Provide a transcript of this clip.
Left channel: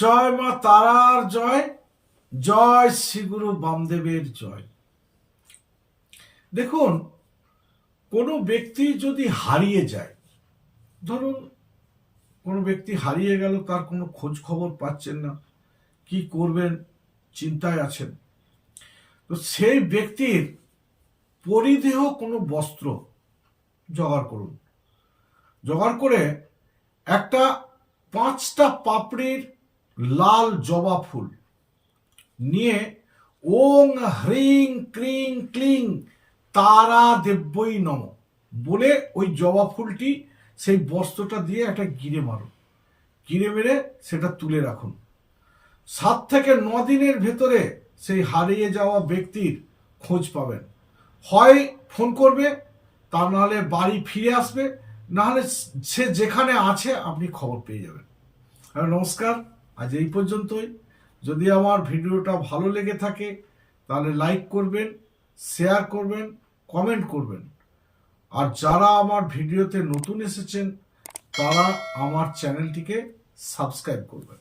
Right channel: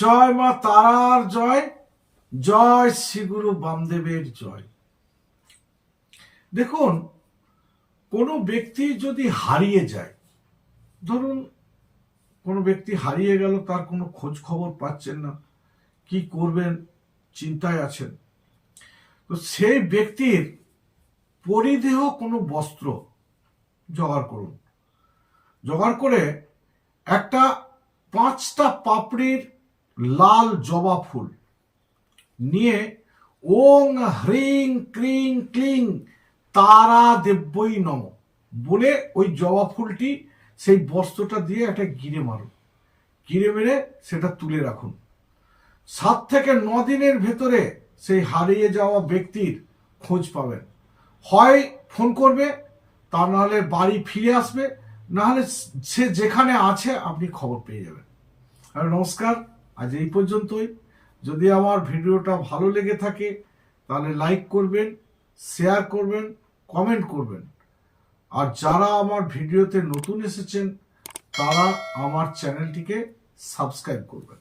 জয় মা তারার জয় জয় শ্রীগুরু বামদেবের জয়। দেখুন, কোনো ব্যক্তি যদি হারিয়ে যায়, ধরুন কোনো ব্যক্তি হারিয়ে গেল, তার কোনো খোঁজ খবর পাচ্ছেন না, কি করবেন, চিন্তায় আছেন। তো সেই ব্যক্তির পরিদেহ কোনো বস্ত্র জোগাড় করুন। জোগাড় করে একটা পাঁচটা পাপড়ির লাল জবা ফুল। নিয়ে ওং হ্রিং ক্রিং ক্লিং তারা দেব্যই নম বলে ওই জবা ফুলটি সেই বস্ত্রটা দিয়ে একটা গিরে মারুন গিরে মেরে সেটা তুলে রাখুন। সাত থেকে ন দিনের ভেতরে সেই হারিয়ে যাওয়া ব্যক্তির খোঁজ পাবেন। হয় ফোন করবে, তা নাহলে বাড়ি ফিরে আসবে, নাহলে সে যেখানে আছে আপনি খবর পেয়ে যাবেন। নমস্কার। আজ এই পর্যন্তই। যদি আমার ভিডিওটা ভালো লেগে থাকে, তাহলে লাইক করবেন শেয়ার করবেন কমেন্ট করবেন। আর যারা আমার ভিডিওতে নতুন এসেছেন, তারা আমার চ্যানেলটিকে সাবস্ক্রাইব করবেন।